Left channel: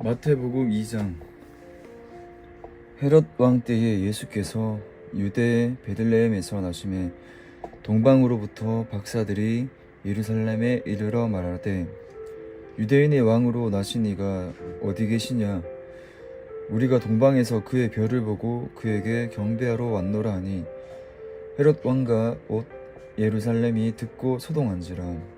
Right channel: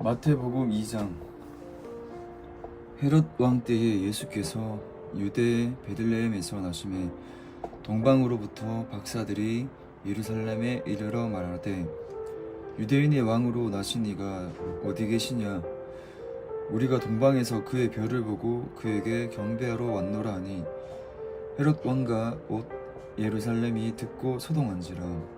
마태복음 2장. 헤롯 왕 때에 예수께서 유대 베들레헴에서 나심에 동방으로부터 박사들이 예루살렘에 이르러 말하되 유대인의 왕으로 나신 이가 어디 계시냐? 우리가 동방에서 그의 별을 보고 그에게 경배하러 왔노라 하니 헤롯 왕과 곧 예루살렘이 듣고 소동한지라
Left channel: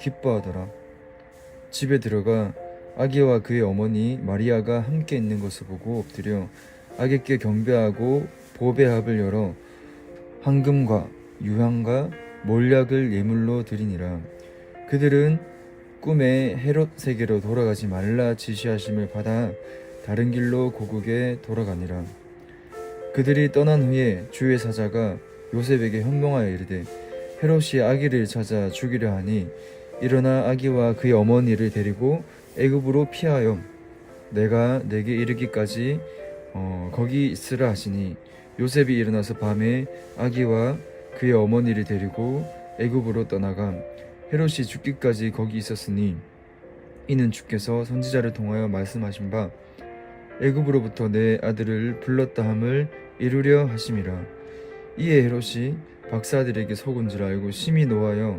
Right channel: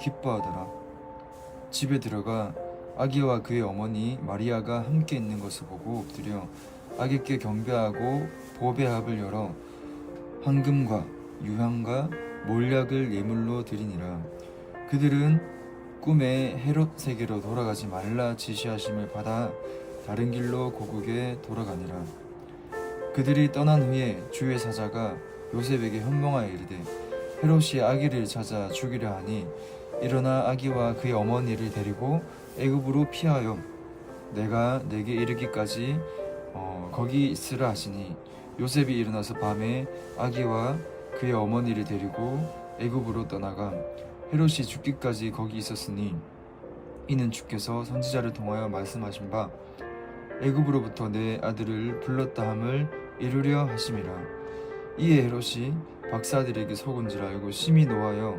기뻐하더라. 집에 들어가 아기와 그의 어머니 마리아가 함께 있는 것을 보고 엎드려 아기께 경배하고 보배합을 열어 황금과 유향과 몰약을 예물로 드리니라. 그들은 꿈에 헤롯 세계로 돌아가지 말라 지시하심을 받아 다른 길로 고국에 돌아가니라. 그들이 떠난 후에 주의 사자가 요셉에게 현명하여 이르되 헤롯이 아기를 찾아 죽이려 하니 일어나 아기와 그의 어머니를 데리고 애굽으로 피하여 내가 내게 이르기까지 어, 거기 있으라 하시니 요셉이 일어나서 밤에 아기와 그의 어머니를 데리고 애굽으로 떠나가 헤롯이 죽기까지 거기 있었으니 이는 주께서 선지자를 통하여 말씀하신 바 애굽으로부터 내 아들을 불렀다 함을 이루려 하심이라. 이에 헤롯이 박사들에게 속은 줄 알고 심히 노하여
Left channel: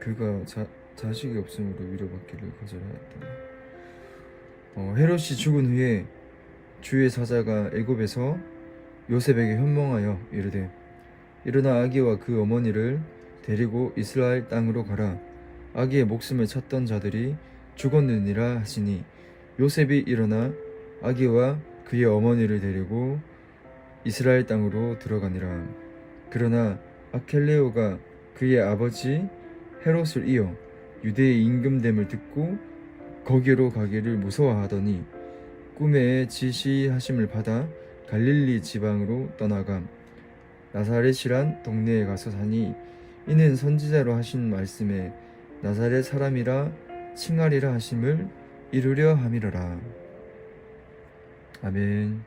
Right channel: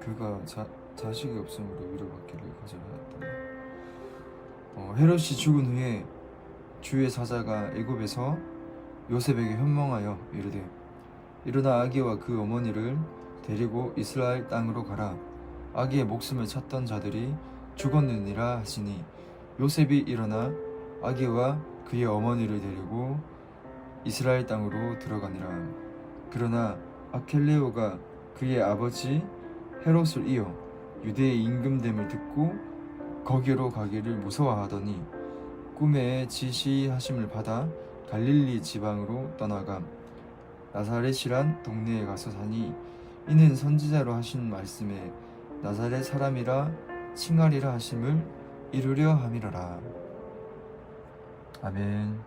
그가 자, 자식이 없으므로 위로받기를 거절하였다 어, 헤롯이 죽은 후에 주의 사자가 애굽에서 요셉에게 현몽하여 이르되 일어나 아기와 그 어머니를 데리고 이스라엘 땅으로 가라 아기의 목숨을 찾던 자들이 죽었느니라 하시니 요셉이 일어나 아기와 그의 어머니를 데리고 이스라엘 땅으로 들어가니라. 그러나 아켈레오가 그의 아버지 헤롯을 이어 유대의 임금됨을 듣고 거기로 가기를 무서워하더니 꿈에 지시하심을 받아 갈릴리 지방으로 떠나가 나사렛이란 동네에 가서 사니 이는 선지자로 하신 말씀에 나사렛 사람이라 칭하리라 하심을 이루려 함이로라. 아멘.